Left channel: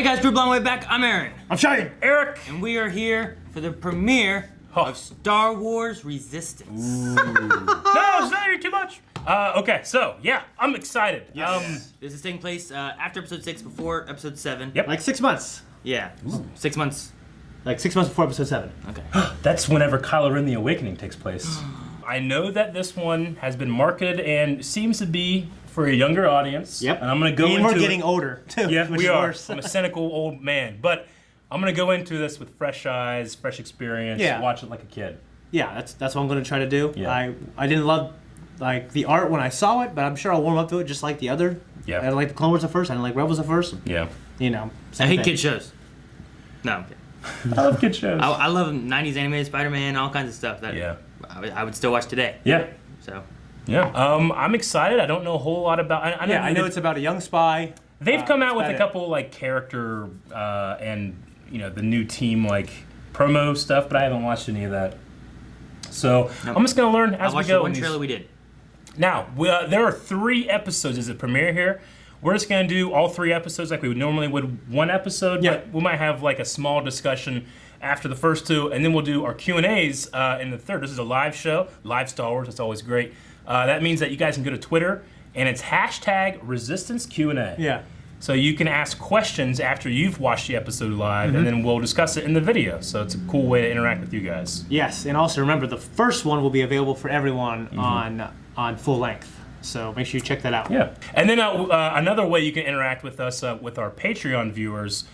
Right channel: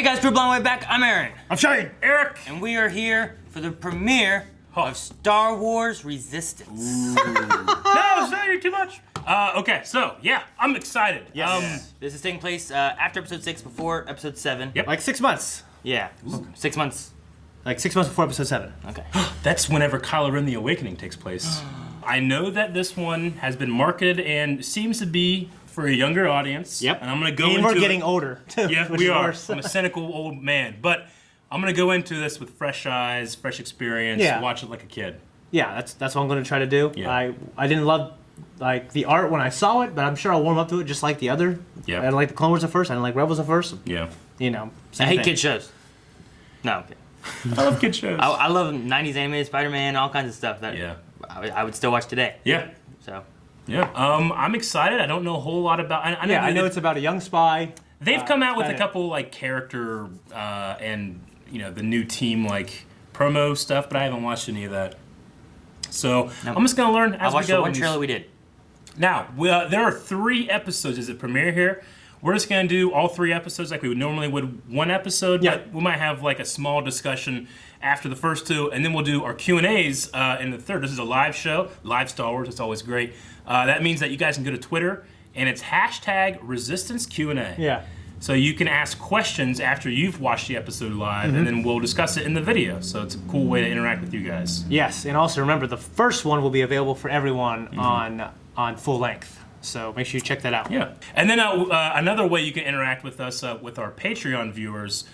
Hey guys, Drew Blonway back. I'm Aaron. I'm Shane. Eric. And we are here for the premiere of Star Wars Resistance. No, sorry, too much. Okay, so yeah, I'm excited. Yes. This is taking place after episode 6, before episode 7. Yep. Like 6 months. Yeah, 6 months. Like 6 months before episode 7. Okay. That's whenever Kylo Ren: The Awakening takes place. I know that this one has been marketed and seems to be for a younger audience. Yep. And I'm gonna go and into we're getting older too. Yeah, which we is are. worse. I'm a cynical old man, but I'm gonna go into this with fresh eyes, fresh experience. Yeah. Watch it like a kid. Yeah, that's what I'm going to try to do. Yeah. I didn't love like the art when I saw it, but I'm sure I'll warm up to it just like the other. Yeah. I didn't like the Clone Wars at first. I didn't like Rebels at first. Yeah. You know, I same hate thing. kid shows. No, I'm kidding. I love kid shows. I love 90s animated Spider-Man, all kinds of stuff that Yeah. I would still watch today. Yeah. So. Yeah. I'm excited. I don't know a whole lot about. I know it's about a young spy. They've come out with about a it. couple like character and the new team like promo stuff, but I haven't watched any of that. So I'm just gonna learn as I we watched go. the one trailer we did. Now there are 3 episodes as a premiere here. We're just gonna do all 3 episodes like we would normally would one episode, Yeah. but we might have like a small discussion after the first 2, and then we'll do our Q&As in the third. This is a live show, live Star Wars. It's always great. That means that you guys can go to Twitter and it's #ResistanceQ&A. Yeah. So you can ask questions after you've watched the episode live, and then we'll discuss it in the video. So it's a cool way to interact with you guys. Yes, and also remember the first one will be available for everyone on full length. So make sure you check that out. Yeah. And then another way you can interact with us, with our Patreon viewers,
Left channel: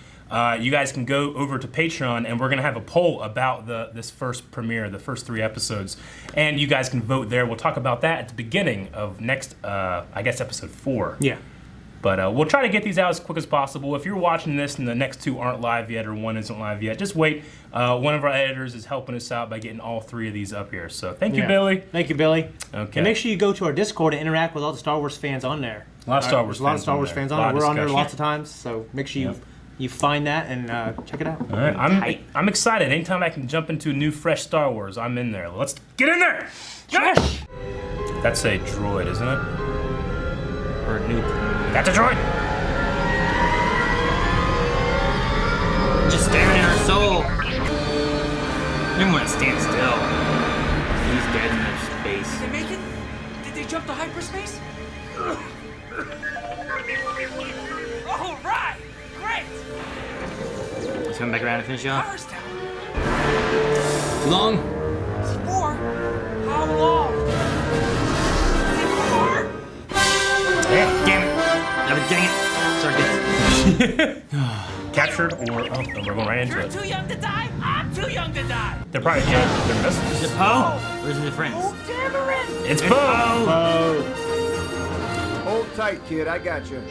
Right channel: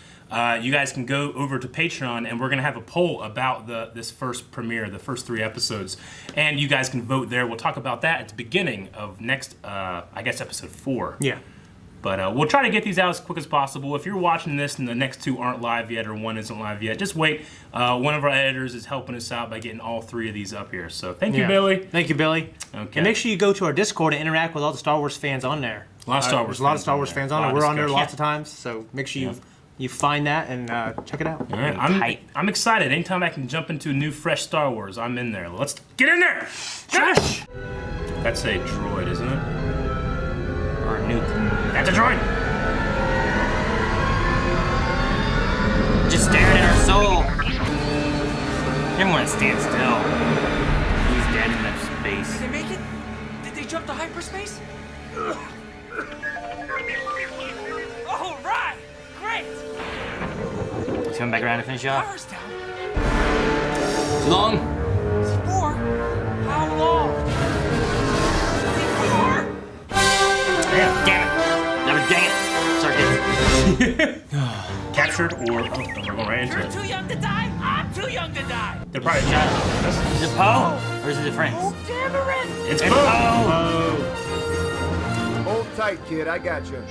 you guys can go over to Patreon, and we're going to have a poll about this first premiere, the first 3 episodes. And you guys can vote there. We'll talk about that at the beginning of next, I guess, episode 4. Yeah. But we'll try to get these out as quick as possible. If you're watching this and the next 2 aren't live yet or 1 isn't live yet, just wait. One of our editors is helping us out by getting all 3 of these up here. So thank you, Billy. Thank you, Billy. Okay. And make sure you go to our Discord and interact with all the Star Wars fans on there. A lot of Star Wars There's a lot of fans Star on Wars there. fans A on lot there. of We're on there discussion. lots of times, so make sure you find that and check it out. All right, I'm excited. Anytime I can jump into a new, fresh Star Wars, I'm in there. Let's get in there. Trash! That's a droid, isn't it? Or a new. That's a droid. Just staring at our soul. Didn't want to stand still. These dads in space. Did they make it? Did they jump to hyperspace? All right! Great! He's coming back around to finish up. Power's down. Too long? C4? How long? C4? Damn it. No, dang it. Sorry, Captured or we're going right into You're it. too young to die? I'm too young to die! They're probably Japanese. Just Poe. Where's the difference? Oh, Dameron! It's It's Poe. Oh. Hold tight, kid. I got you.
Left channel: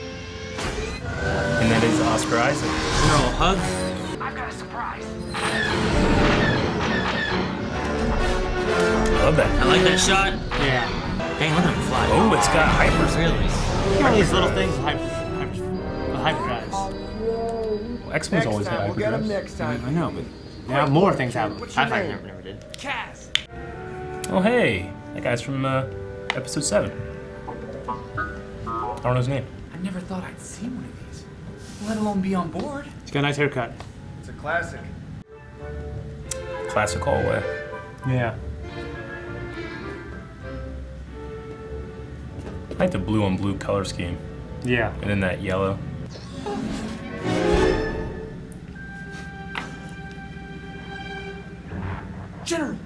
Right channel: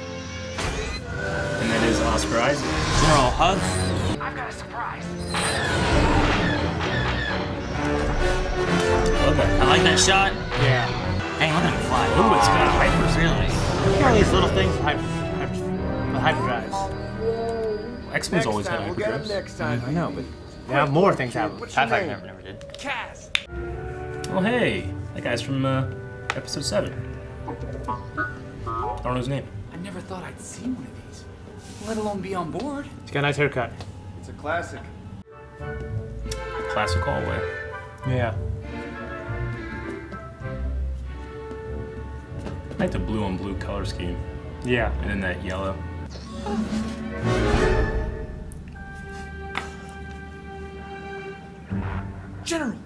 And then it's Oscar Isaac. Oh, hug. I've got a surprise. Love that. I like that shot. Yeah. Hey, let him fly. Oh, it's got hypers. Really? Look at all these little things with hyperdrives. X-Men's Next always time, had we'll get him hyperdrives. next time. I know, but now more things happen. What's your I name? never did. Kaz. Oh, hey. That guy's from episode 7. I don't know his name. I never thought I'd see one of these, let alone be on board. He's got a nice haircut. It's a classic. Classic hallway. Yeah. I like the blue on blue color scheme. Yeah. And then that yellow. General!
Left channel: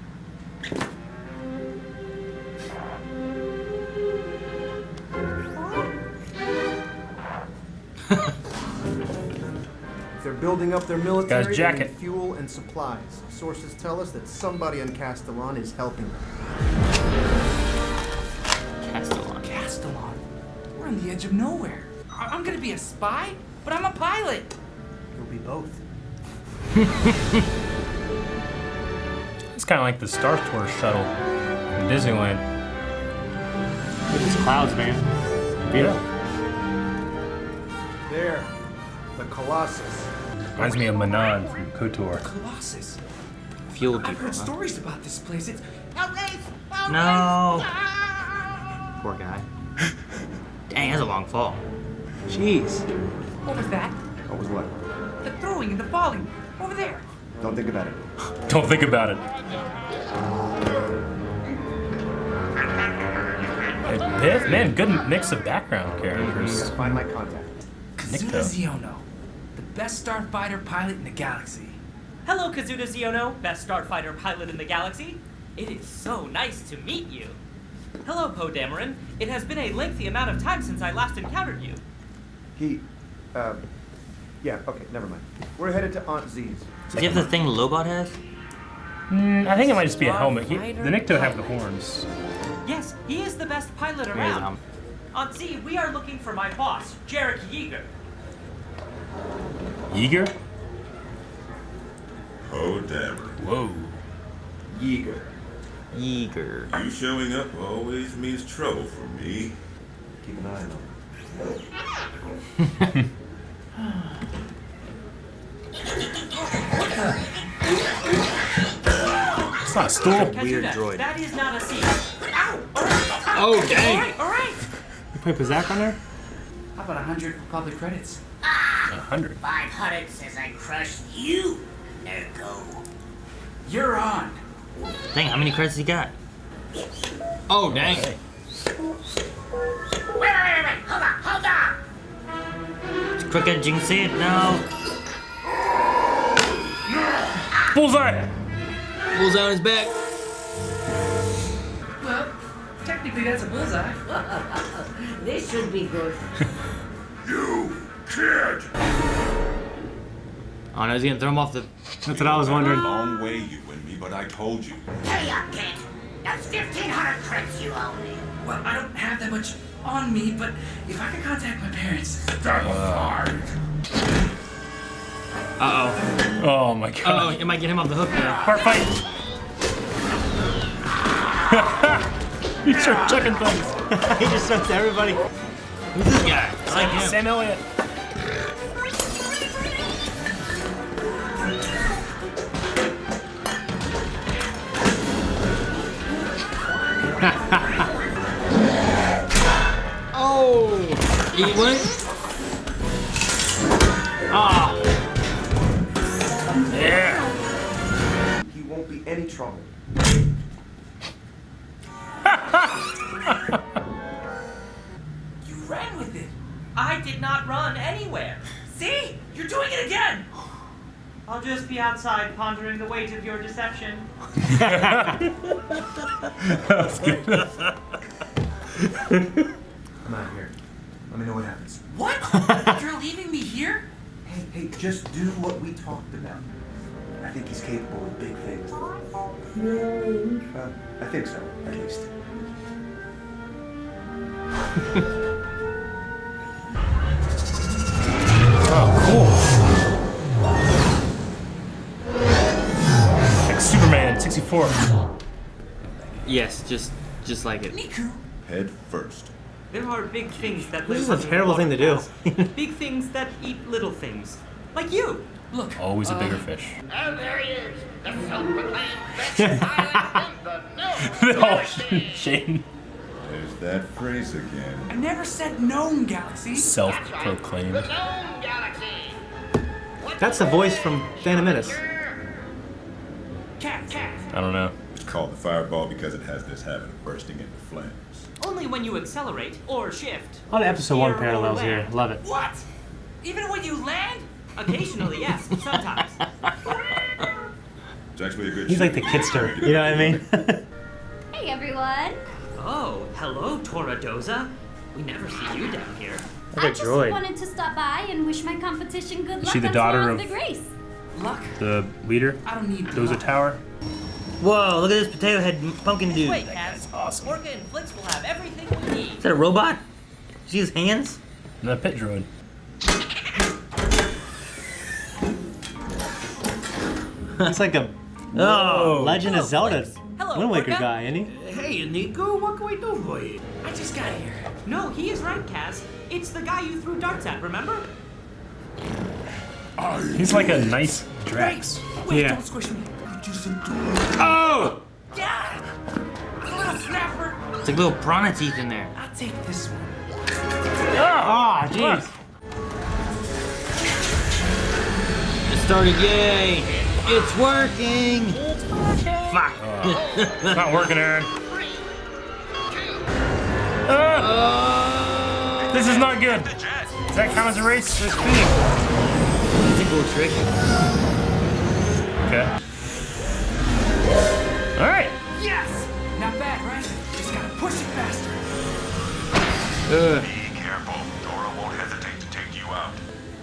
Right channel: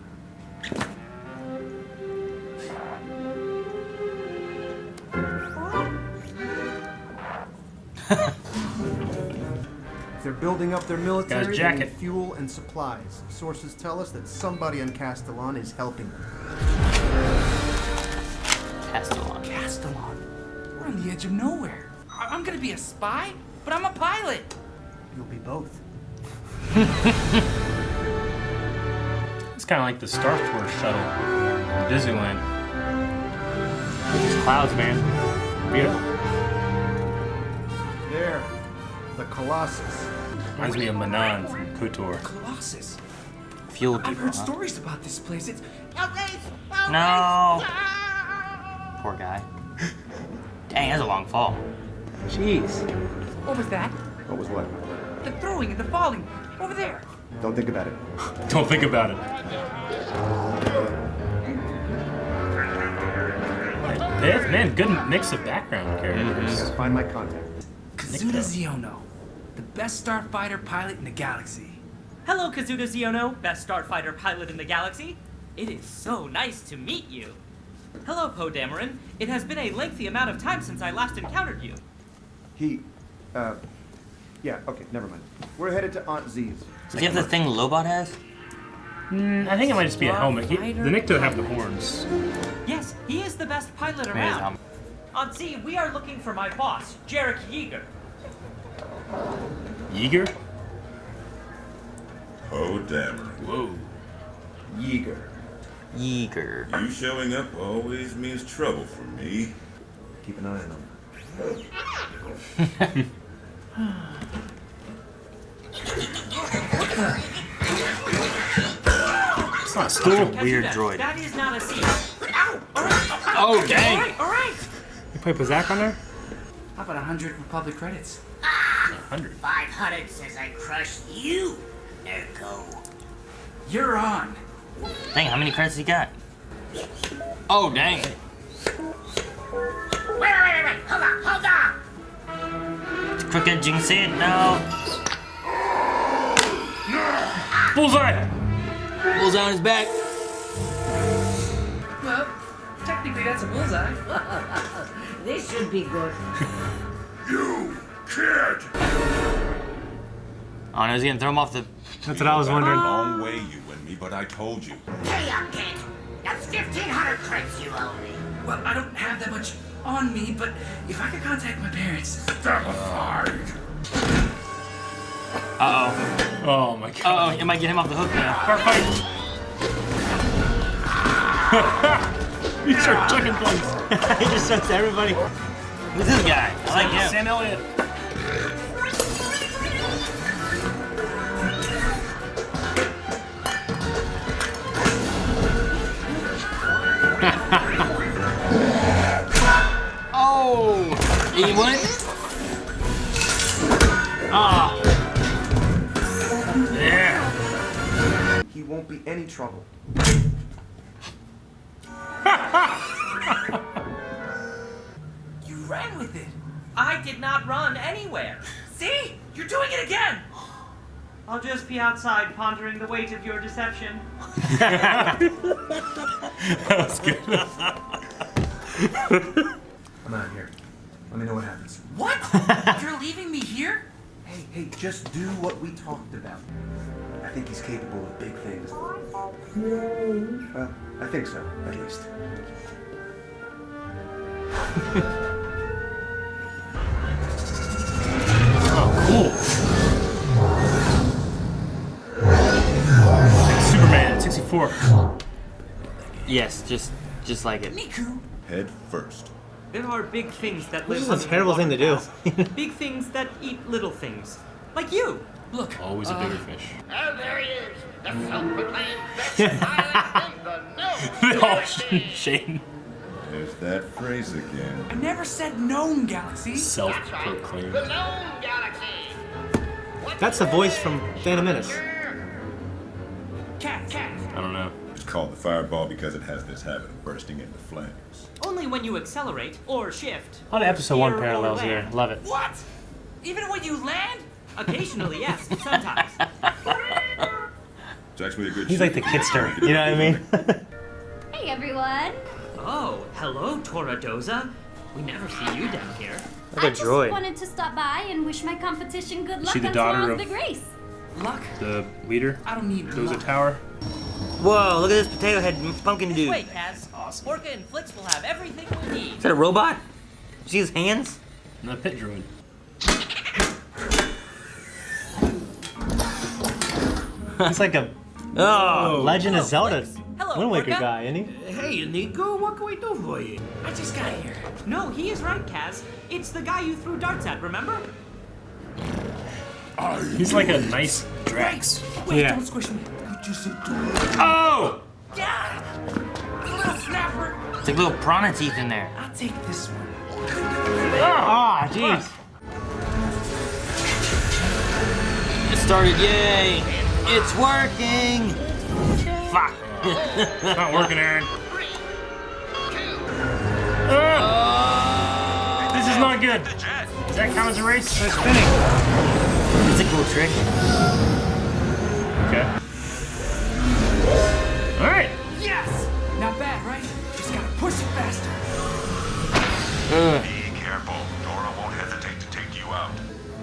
They're building up their military. Guy's They jacket. need fuel and supplies. Sources tell us that somebody on Castellon is helping them. Castellan. Castellon. We're on the edge of nowhere. I'm gonna be a spy, but I'm a pilot. You'll be both. It's kind of like the Star Tours shuttle in Disneyland. Look at these clouds, man. Beautiful. There. The Colossus. Reminds me of Manan from KOTOR. Colossus. Fuel. I've heard stories about this place. It's No. Poor guy. Dang, that's a long fall. Jeez. What was that? What was what? The throwing and the falling. Over there. Don't think about it. Don't think about it. Hey, man, good mix of background characters. Gotta find my contact. Kazuda Ziono, the best starfighter pilot in the galaxy. Hello, Kazuda Ziono, best starfighter pilot in the galaxy. It is so nice to meet you. Hello, Poe Dameron. It has been a lengthy amount of time since I last encountered you. Yeah, okay, never mind. We're headed to Aunt Z's. Is that the thing Lobot has? I think it might just be a helmet. The Nikto have the horns. Yes, he is the best pilot around. On Z, we are looking for my boss, Jarek Yeager. Yeager? Oh, damn it. Whoa. Yeager. Yeager. You showing up always means trouble for me. Keep an eye on him. It's not a stool. Weird Kazuda, droid. that is not a seat. Ow! All right. Oh, dang. All right. You play Pizak on there? How about 100 for public credits? 100. 500 says I crush you, Nerko. You're on. Dang, how many credits he got? Oh, dang. Wait. Hold on. It's crooked, you can see it now. Bullseye! Pulls out his back. Well, technically that's a bullseye. This should be good. You kid! Oh, no, he's gonna throw him off the... That's what I was wondering. Long way, you and me, but I told you. Hurry up, kid. That's 1,500 crits you owe me. Well, I don't have that much on me, but if I could contact my parents. Step aside! Uh-oh. Oh my Uh-oh, god. it might get him off the hook now. Part fight. These are chicken thumbs. He just says to everybody. Who's this guy? I like him. Sam Elliott. Oh! He went? Ah, Yeah. He won't be any trouble. You ran with it. I did not run anywhere. See? You're doing it again. I'll just be outside pondering the weight of your deception. That was good. Come out here. Let me know what happens. What? You're leaving me here? Hey, just do what we talked about. I think he's capable of big things. I think so, at least. Superman, 64. Yes, just like it. Niku. Head first. There are big things that This live is a under the terrible thing to do. waterpath. Big things that eat little things. Like you. Look. Always a bigger fish. And there he is, the self-proclaimed best pilot in the known Oh, galaxy. Shane. There's that phrase again. I never said known galaxy. That's right, Self-proclaimed. the known galaxy. What's That's the voice from Phantom Menace. Cat. I don't know. It's called the fireball because it has this habit of bursting into flames. Only when you accelerate or shift. A lot of episode Steer 1 or parallels here. land. Love it. What? Even when you land? Occasionally, yes. Sometimes. It's actually a good He's ship. like the kidster. You know what I mean? Hey everyone! Oh, hello, Toradoza. We never see you down here. I just droid. wanted to stop by and wish my competition good luck She the on daughter tomorrow's of- big race. Luck? The leader. I don't need Dozer luck. Tower. Whoa, look at this potato head pumpkin dude. Wait, Kaz. awesome. Orca and Flix will have everything we need. Is that a robot? See his hands? The pit droid. He's like a Oh! Legend of Hello, Zelda Flix. Hello, Wind Waker Orca. guy, isn't he? Hey, Nico, what can we do for you? I just got here. No, he is right, Kaz. It's the guy you threw darts at, remember? He's like a nice Drax. Wait, Yeah. don't squish me. Oh! Yeah! Little snapper. It's like little piranha teeth in there. I'll take this one. Ah, jeez. started, yay! It's working! Fuck! It's not working, Aaron. 3, 2, This is not good. Does that count as a race? It's spinning. It's a cool trick. Okay. All right. Yes! Not bad, right? Just gotta push it faster. Be careful. Dora won't hesitate to take you out.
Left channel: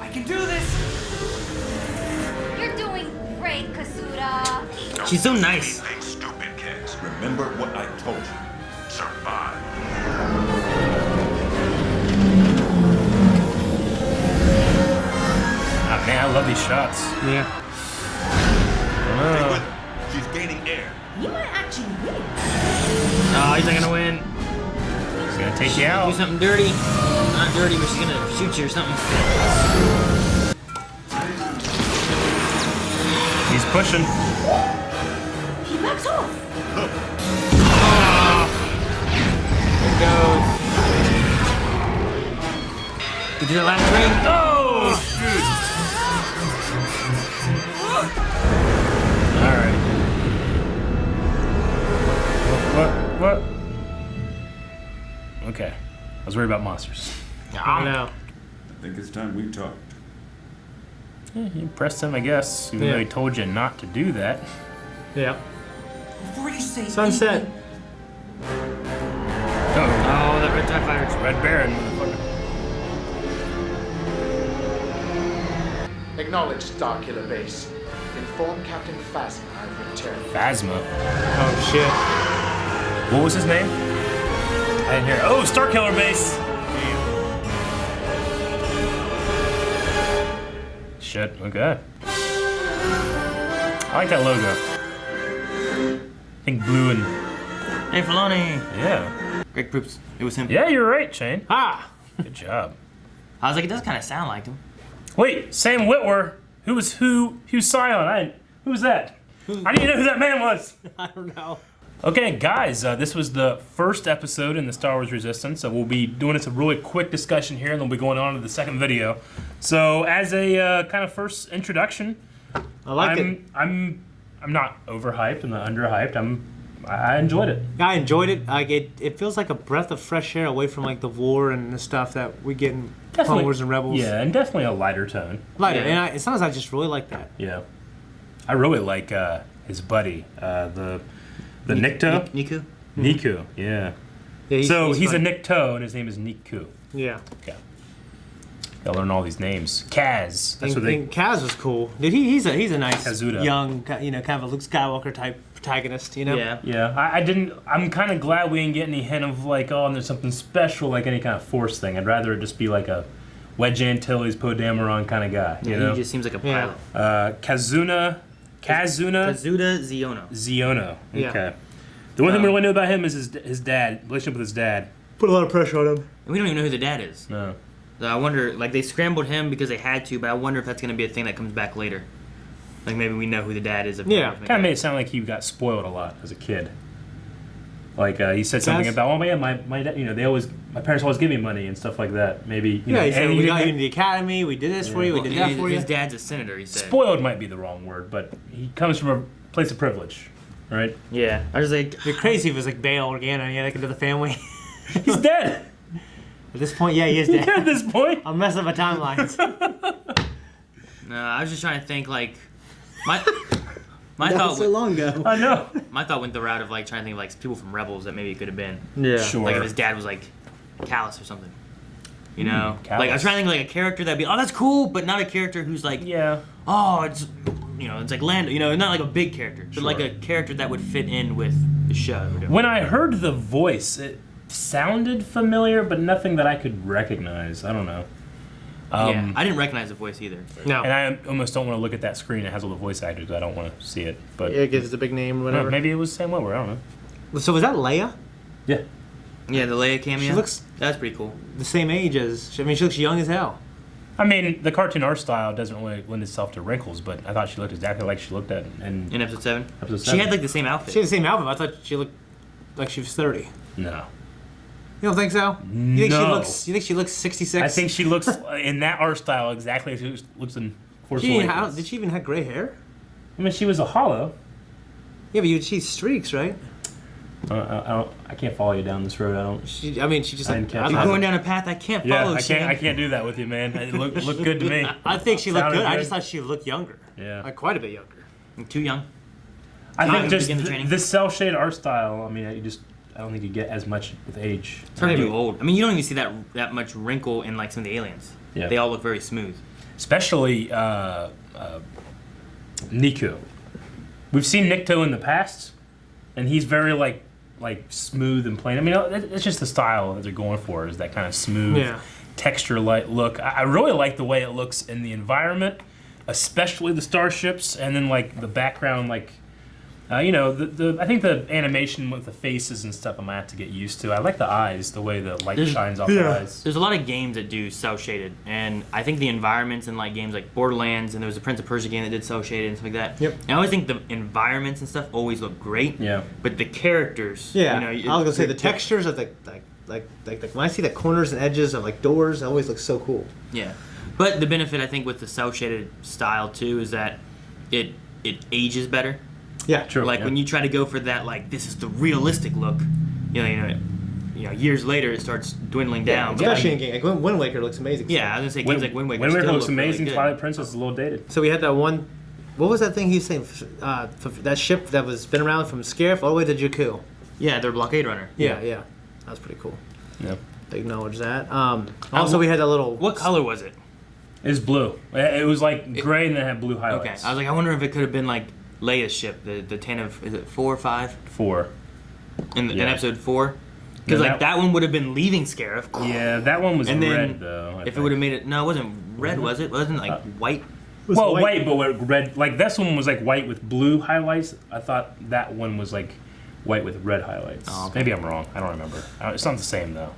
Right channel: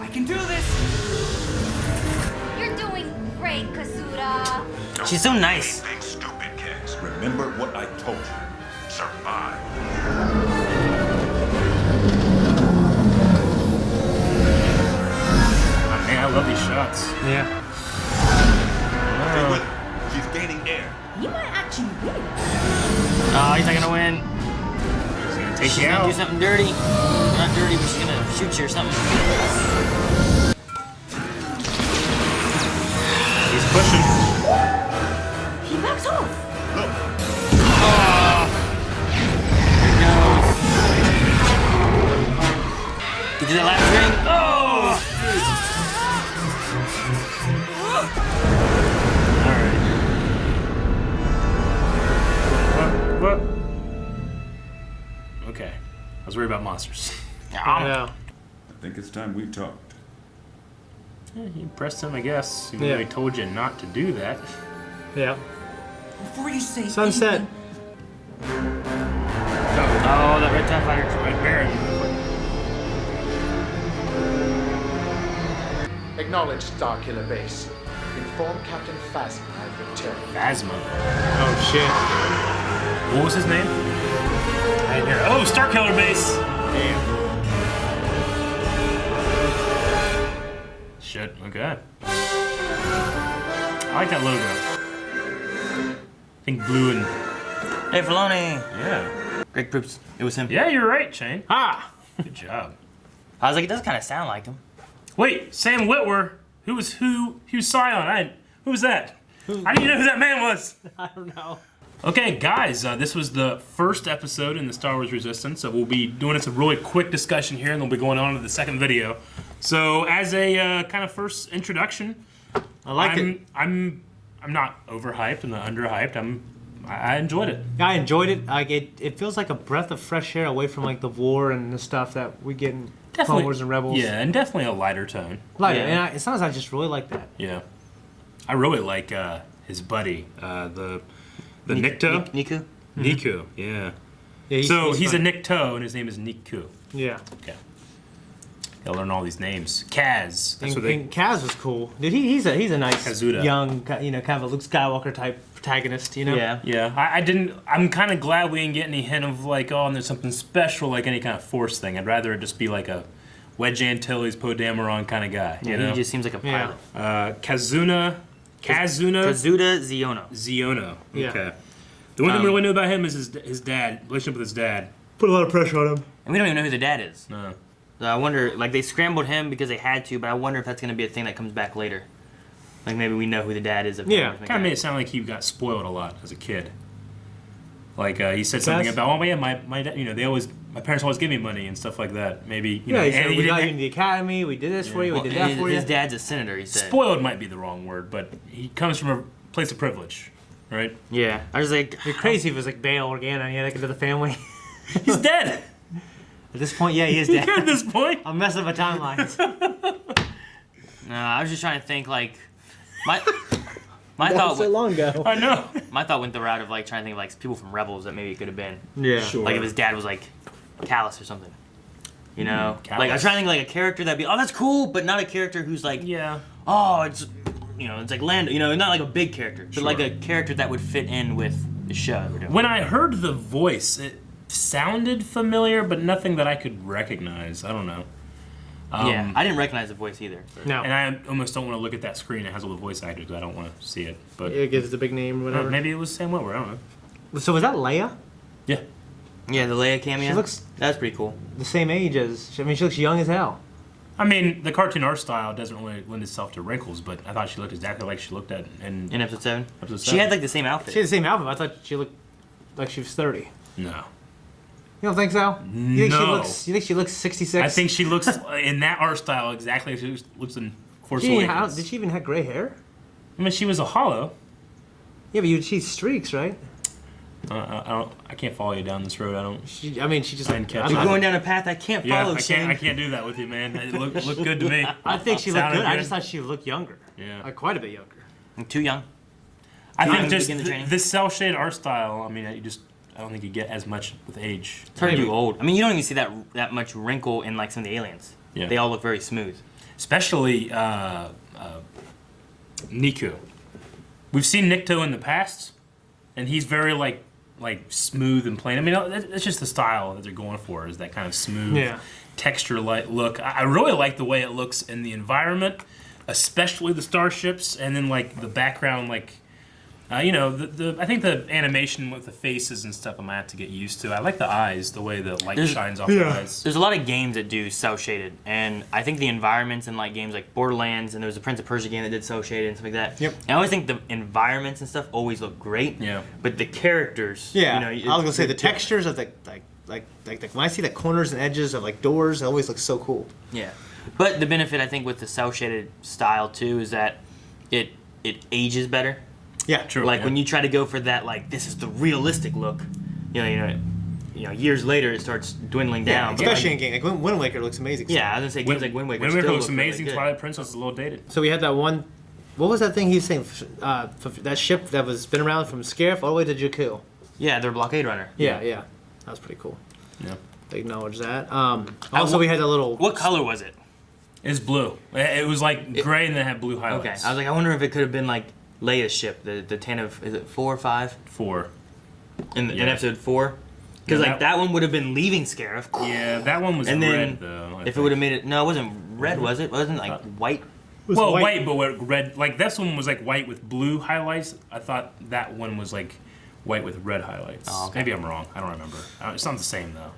I can do this! You're doing great, Kasuda. Don't She's so do nice. Anything stupid, Cass. Remember what I told you. Survive. Oh, man, I love these shots. Yeah. Stay with her. She's gaining air. You might actually win. Oh, he's not gonna win. She's gonna take She's you gonna out. do something dirty. Not dirty, but she's gonna shoot you or something. He's pushing. He backs off. Look, You did it last time? Oh! All right. What? Okay. I was worried about monsters. I know. I think it's time we talked. Yeah, you pressed him, I guess. Even though he told you not to do that. Yeah. Before you say Sunset. anything, Oh, that red TIE fighter. Red Baron. Acknowledge Starkiller Base. Inform Captain Phasma I've returned. Phasma. Oh shit. What was his name? I didn't hear. Oh, Starkiller Base. Damn. Shit. Okay. I like that logo. I think blue and Hey, Filoni. yeah. Greg Proops. It was him. Yeah, you're right, Shane. Ah. Good job. I was like, it does kind of sound like him. Wait, Sam Witwer. Who's silent? Who's that? I didn't even know who that man was. I don't know. Okay, guys, this was the first episode in the Star Wars Resistance, so we'll be doing some really quick discussion here, and then we'll be going on to the second video. So, as a kind of first introduction, I liked it. I'm not overhyped. I'm not underhyped. I enjoyed it. I enjoyed it. Like it feels like a breath of fresh air away from like the war and the stuff that we get in Clone Wars and Rebels. Yeah, and definitely a lighter tone. Lighter, Yeah. and sometimes I just really like that. Yeah, I really like his buddy, the Nikto. Niku? Niku, yeah. Yeah, He's fun. a Nikto, and his name is Niku. Yeah. Okay. Gotta learn all these names. Kaz. That's what they. And Kaz was cool. Dude, he's a nice Kazuda. young, kind of a Luke Skywalker type protagonist, you know? Yeah. Yeah, I didn't. I'm kind of glad we didn't get any hint of like, oh, there's something special, like any kind of Force thing. I'd rather it just be like a Wedge Antilles, Poe Dameron kind of guy, you know? He just seems like a Yeah. pilot. Kazuna Kazuda Ziono. Ziono. Yeah. Okay. The one thing we really know about him is his dad, relationship with his dad. Put a lot of pressure on him. And we don't even know who the dad is. No. So I wonder, like, they scrambled him because they had to, but I wonder if that's going to be a thing that comes back later. Like, maybe we know who the dad is. Yeah. Kind of made it sound like he got spoiled a lot as a kid. Like he said something about, oh man, my dad, my parents always give me money and stuff like that. Maybe you know, He said, and we got you into the academy, we did this for you, we did that for you. His dad's a senator, he said. Spoiled might be the wrong word, but he comes from a place of privilege, right? Yeah. I was like... It'd be crazy if it was like Bail Organa and he had like into the family. He's dead. At this point, yeah, he is dead. At this point. I'm messing up my timelines. I was just trying to think, like... My That thought was so long ago. I know. My thought went the route of like trying to think of like people from Rebels that maybe it could have been. Yeah. Sure. Like if his dad was like Callus or something. You know? Callus. Like I was trying to think like a character that'd be, oh that's cool, but not a character who's like, Yeah. oh it's, it's like Lando, not like a big character, but like a character that would fit in with the show. When I heard the voice, it sounded familiar, but nothing that I could recognize. I don't know. Yeah, I didn't recognize the voice either. No. And I almost don't want to look at that screen that has all the voice actors. I don't want to see it. But It gives a big name or whatever. maybe it was Sam Witwer. I don't know. So was that Leia? Yeah. Yeah, the Leia cameo. She looks That's pretty cool. the same age as, she looks young as hell. I mean, the cartoon art style doesn't really lend itself to wrinkles, but I thought she looked exactly like she looked at in In episode 7? episode She 7. had like the same outfit. She had the same outfit. I thought she looked like she was 30. No. You don't think so? You think No. she looks 66? I think she looks in that art style exactly as she looks in Force Did Awakens. she even have gray hair? I mean, she was a hollow. Yeah, but she's streaks, right? I can't follow you down this road. I don't. She just like. I'm going down a path I can't follow. I can't do that with you, man. It looked good to me. I think she looked good. Good. I just thought she looked younger. Yeah. Like quite a bit younger. I'm too young. I think just this cell shaded art style. I mean, I don't think you get as much with age. It's hard to do old. I mean, you don't even see that much wrinkle in like some of the aliens. Yeah. They all look very smooth. Especially Niku. We've seen Nikto in the past, and he's very like smooth and plain. I mean, that's just the style that they're going for, is that kind of smooth texture-like look. I really like the way it looks in the environment, especially the starships, and then like the background, like you know, I think the animation with the faces and stuff I might have to get used to. I like the eyes, the way the light shines off the eyes. There's a lot of games that do cell shaded, and I think the environments in like games like Borderlands, and there was a Prince of Persia game that did cell shaded and stuff like that. Yep. I always think the environments and stuff always look great. Yeah. But the characters. Yeah. You know, I was gonna say the textures of like when I see the corners and edges of like doors, it always looks so cool. Yeah. But the benefit I think with the cell shaded style too is that it ages better. Yeah, true. Like when you try to go for that, like this is the realistic look, you know, years later it starts dwindling down. Especially in game like Wind Waker looks amazing. Yeah, I was gonna say games like Wind Waker. Wind Waker still looks look amazing. really good. Twilight Princess is a little dated. So we had that one. What was that thing he was saying? That ship that was been around from Scarif all the way to Jakku. Yeah, they're blockade runner. Yeah, that was pretty cool. Yeah. They acknowledge that. Also, we had that little. What color was it? It's blue. It was like gray and then it had blue highlights. Okay, I was like, I wonder if it could have been like Leia's ship, the Ten of, is it 4 or 5? 4. In episode 4? Because that one would have been leaving Scarif. Yeah, that one was and then red though. If it would have made it, no, it wasn't red, was it? It wasn't like white. Well, white, but with red. Like this one was like white with blue highlights. I thought that one was like white with red highlights. Oh, okay. Maybe I'm wrong. I don't remember. It's not the same though.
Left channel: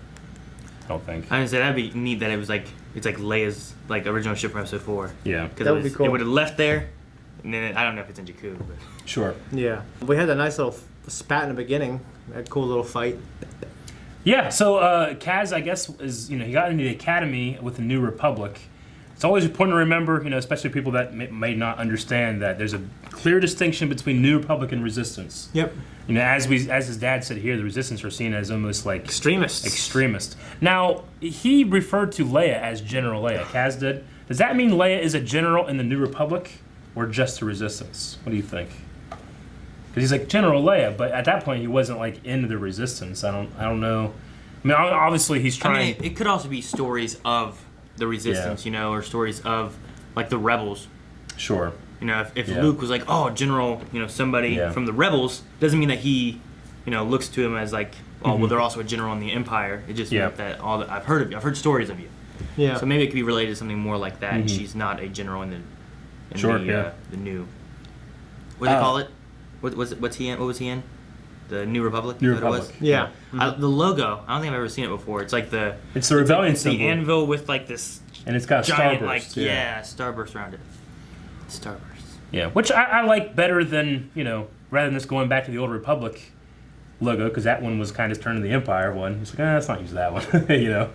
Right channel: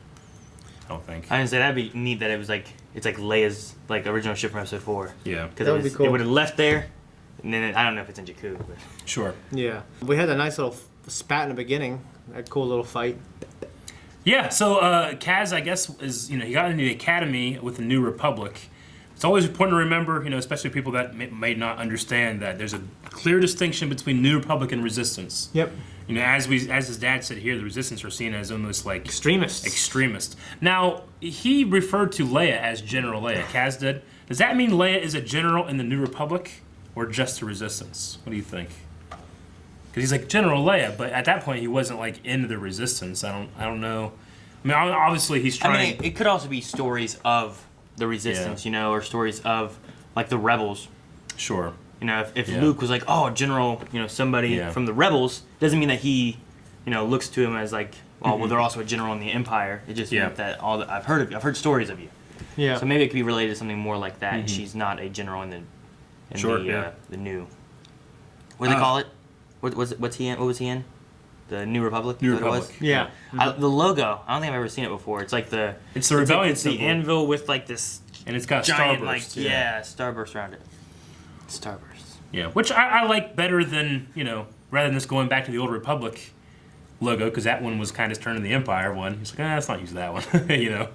I don't think. I didn't say that'd be neat that it was like it's like Leia's like original ship from episode 4. Yeah, that would be cool. It would have left there, and then I don't know if it's in Jakku. But. Sure. Yeah, we had a nice little spat in the beginning. That cool little fight. Yeah. So Kaz, I guess, is he got into the academy with the New Republic. It's always important to remember, especially people that may not understand that there's a clear distinction between New Republic and Resistance. Yep. As his dad said here, the Resistance are seen as almost like extremists. Now he referred to Leia as General Leia. Kaz did. Does that mean Leia is a general in the New Republic, or just the Resistance? What do you think? Because he's like General Leia, but at that point he wasn't like into the Resistance. I don't know. I mean, obviously he's trying. I mean, it could also be stories of the Resistance, or stories of like the rebels. Sure. If Luke was like, oh, General, somebody from the rebels, doesn't mean that he, looks to him as like, oh, well, they're also a general in the Empire. It just means that I've heard of you. I've heard stories of you. Yeah. So maybe it could be related to something more like that. And she's not a general in the new. What do they call it? What's he in? What was he in? The New Republic. New Republic. Yeah. The logo. I don't think I've ever seen it before. It's like It's the rebellion the symbol. anvil with like this. And it's got a giant, starburst. Like, starburst around it. Starburst. Yeah, which I like better than rather than just going back to the old Republic logo, because that one was kind of turning the Empire one. He's like, let's not use that one.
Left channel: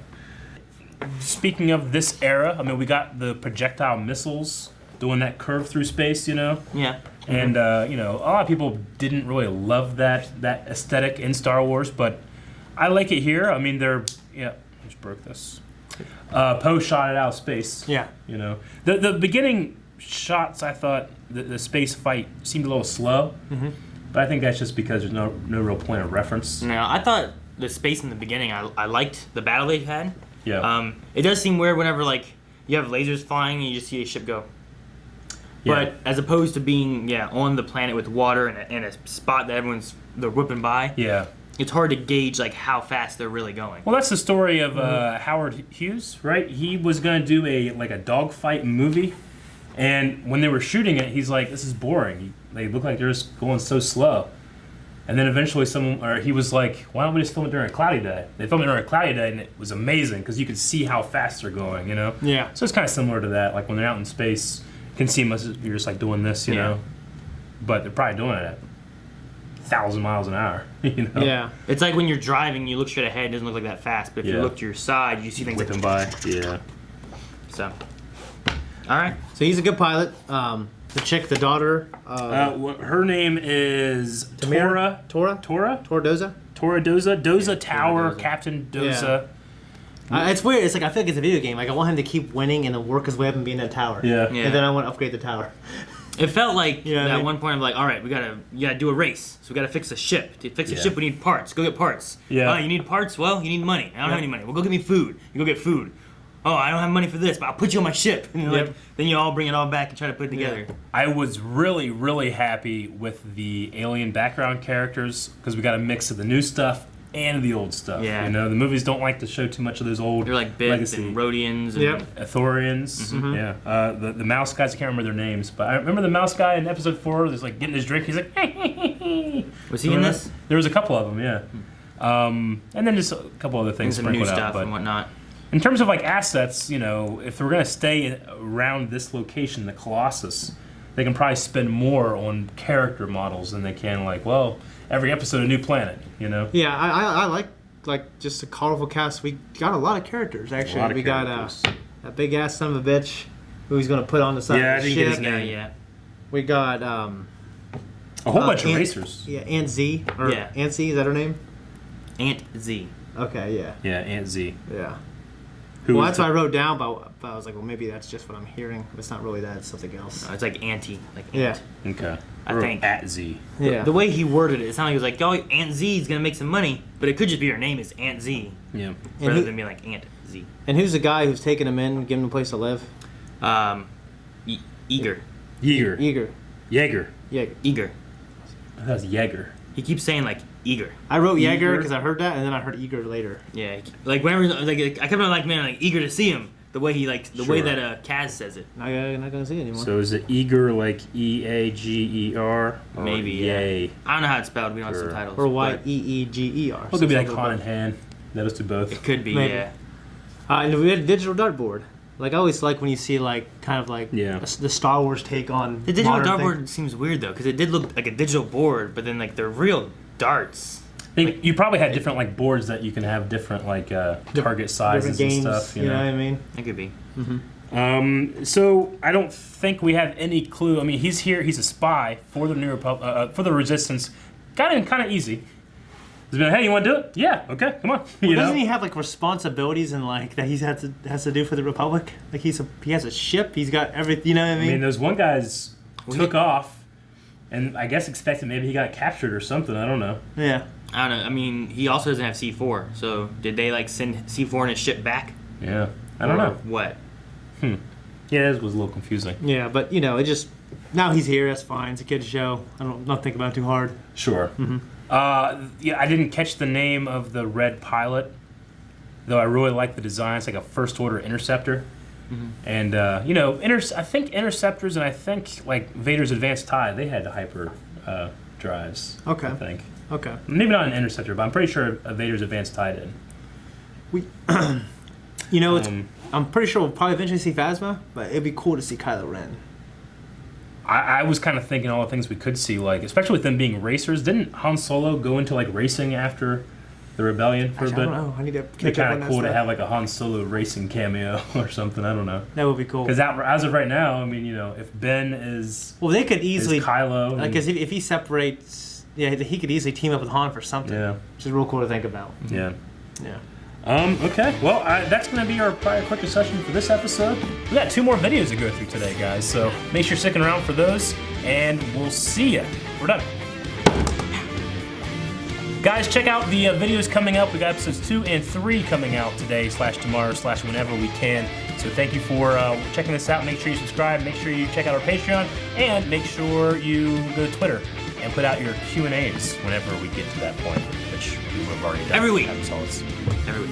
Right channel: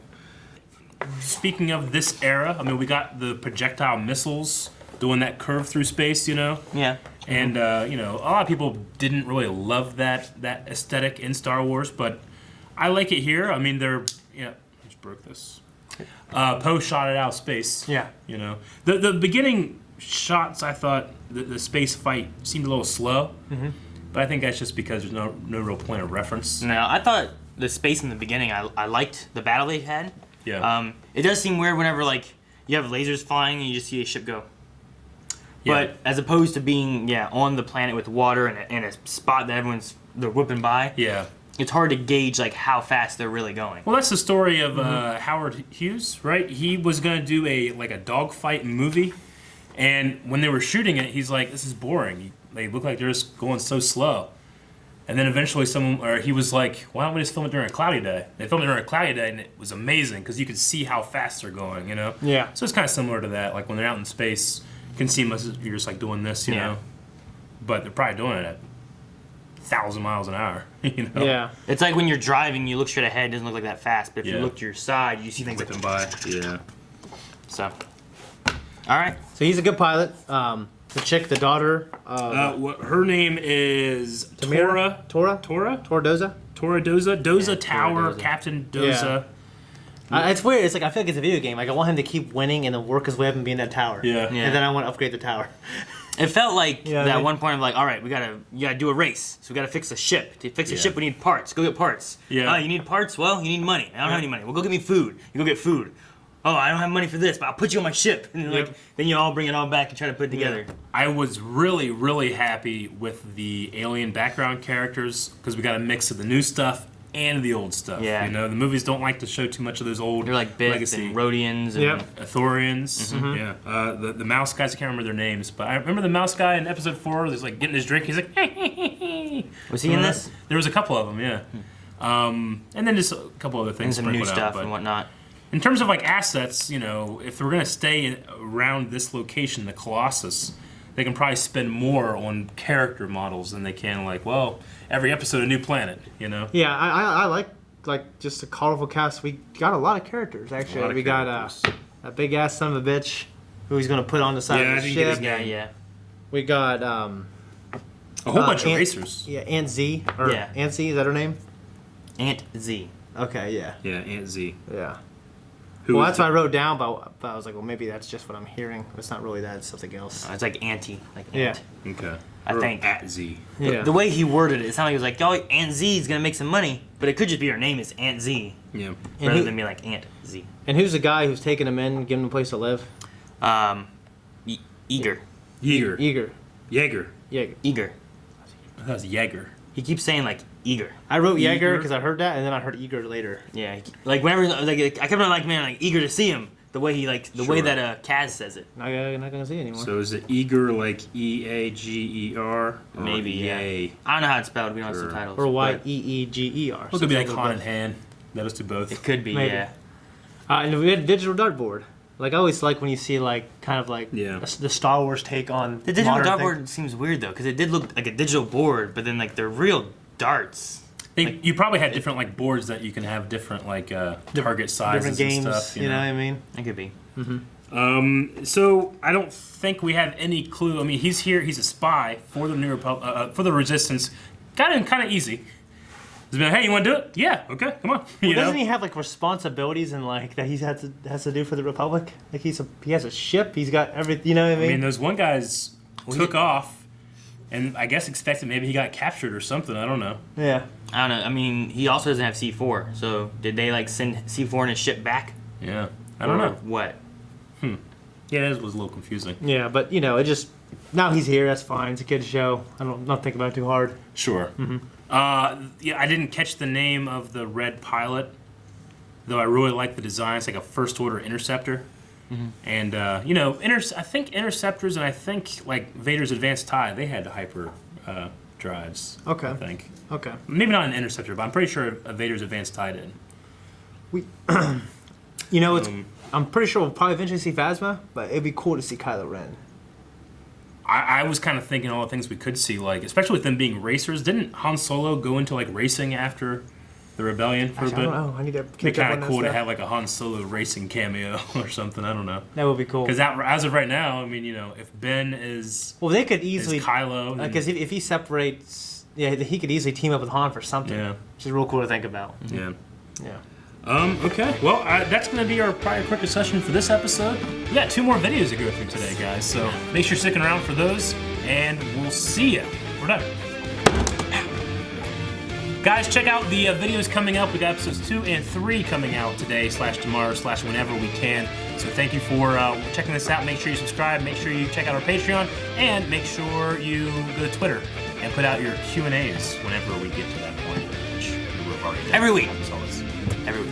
Speaking of this era, I mean, we got the projectile missiles doing that curve through space. Yeah. And a lot of people didn't really love that aesthetic in Star Wars, but I like it here. I mean, let's broke this. Poe shot it out of space. Yeah. The beginning shots, I thought the space fight seemed a little slow, but I think that's just because there's no real point of reference. No, I thought the space in the beginning, I liked the battle they had. Yeah. It does seem weird whenever like you have lasers flying and you just see a ship go. Yeah. But as opposed to being on the planet with water and a spot that they're whipping by. Yeah. It's hard to gauge like how fast they're really going. Well, that's the story of Howard Hughes, right? He was going to do a dogfight movie, and when they were shooting it, he's like, "This is boring. They look like they're just going so slow." And then eventually he was like, "Why don't we just film it during a cloudy day?" They filmed it during a cloudy day, and it was amazing because you could see how fast they're going. Yeah. So it's kind of similar to that. Like when they're out in space, it can seem as if you're just like doing this, know, but they're probably doing it at 1,000 miles an hour. Yeah. It's like when you're driving, you look straight ahead, it doesn't look like that fast. But if you look to your side, you see things whipping like by. Yeah. So. All right. So he's a good pilot. The chick, the daughter. Her name is Tamira? Tora. Doza. Tora Doza. Doza Tower. Doza. Captain Doza. It's weird. It's like I feel like it's a video game. Like I want him to keep winning and then work his way up and be in that tower. Yeah. And then I want to upgrade the tower. It felt like Yeah, I at mean- one point I'm like, all right, you gotta do a race. So we gotta fix a ship. To fix a ship, we need parts. Go get parts. Yeah. You need parts? Well, you need money. I don't have any money. Well, go get me food. You go get food. Oh, I don't have money for this, but I'll put you on my ship. And like, then you all bring it all back and try to put it together. I was really, really happy with the alien background characters because we got a mix of the new stuff and the old stuff. Yeah. You know, the movies don't like to show too much of those old They're like Bith legacy. and Rhodians. Yep. Thorians. Yeah. The mouse guys, I can't remember their names, but I remember the mouse guy in episode 4. He's like getting his drink. He's like, Was he in this? There was a couple of them, yeah. And then just a couple other things Some new sprinkled out. stuff But and whatnot. in terms of like assets, you know, if we're gonna stay around this location, the Colossus, they can probably spend more on character models than they can like, well, every episode a new planet, you know. Yeah, I like just a colorful cast. We got a lot of characters actually. We got a big ass son of a bitch who he's gonna put on the side of the ship. Yeah. We got a whole bunch of racers. Yeah, Aunt Z Aunt Z, is that her name? Aunt Z. Okay, yeah. Yeah, Aunt Z. Yeah. Who Well, is that's what I wrote down, but I was like, well, maybe that's just what I'm hearing. But it's not really that. It's something else. It's like auntie. Like Yeah. aunt. Okay. I think. Aunt Z. Yeah. The way he worded it, it sounded like he was like, oh, Aunt Z is going to make some money. But it could just be her name is Aunt Z. Yeah. Rather than be like Aunt Z. And who's the guy who's taking him in, giving him a place to live? Eager. Yeager. Eager. Jaeger. Jaeger. Eager. That was Jaeger. He keeps saying like eager. I wrote Jaeger Eager. because I heard that, and then I heard Eager later. Yeah. Like whenever, like I kept on like, man, like eager to see him. The way he like, the way that Kaz says it. Not gonna see it anymore. So is it Eager like Eager? Maybe, yeah. I don't know how it's spelled. We don't have subtitles. Or Yeeger. It could be like Con and Han. That was to both. It could be, Maybe. yeah. And we had a digital dartboard. Like I always like when you see like kind of like the Star Wars take on The digital modern dartboard seems weird though, because it did look like a digital board, but then like they're real darts. You probably had different like boards that you can have different like target sizes different games. and stuff. You know what I mean? It could be. So I don't think we have any clue. I mean, he's here. He's a spy for the New Republic, for the Resistance. Got in kind of easy. He's been like, hey, you want to do it? Yeah. Okay. Come on. Well, doesn't he have like responsibilities and like that he has to do for the Republic? Like he has a ship. He's got everything. You know what I mean? I mean, those one guys took off, and I guess expected maybe he got captured or something. I don't know. Yeah. I don't know. I mean, he also doesn't have C4. So did they like send C4 and his ship back? Yeah. I don't know. What? Yeah, it was a little confusing. Yeah, but you know, it just now he's here. That's fine. It's a kid's show. Not think about it too hard. Sure. Yeah, I didn't catch the name of the red pilot, though I really like the design. It's like a first order interceptor. And, you know, I think interceptors and I think like Vader's advanced TIE, they had hyper drives. Okay. I think. Okay. Maybe not an interceptor, but I'm pretty sure Vader's advanced TIE did. You know, I'm pretty sure we'll probably eventually see Phasma, but it'd be cool to see Kylo Ren. I was kind of thinking all the things we could see, like especially with them being racers. Didn't Han Solo go into like racing after the rebellion for Actually, a bit? I don't know. I need to It'd be catch up on kind that of cool stuff. to have like a Han Solo racing cameo or something. I don't know. That would be cool. Because as of right now, I mean, you know, if Ben is Well, they could easily Kylo, like because if he separates, he could easily team up with Han for something. Yeah. Which is real cool to think about. Yeah. Yeah. Okay. Well, that's going to be our prior quick session for this episode. We got 2 more videos to go through today, guys. So make sure you're sticking around for those, and we'll see you. We're done. Guys, check out the videos coming up. We got episodes 2 and 3 coming out today, /tomorrow, /whenever we can. So thank you for checking this out. Make sure you subscribe. Make sure you check out our Patreon, and make sure you go to Twitter and put out your Q&As whenever we get to that point, which we have already done. Every week. Every week.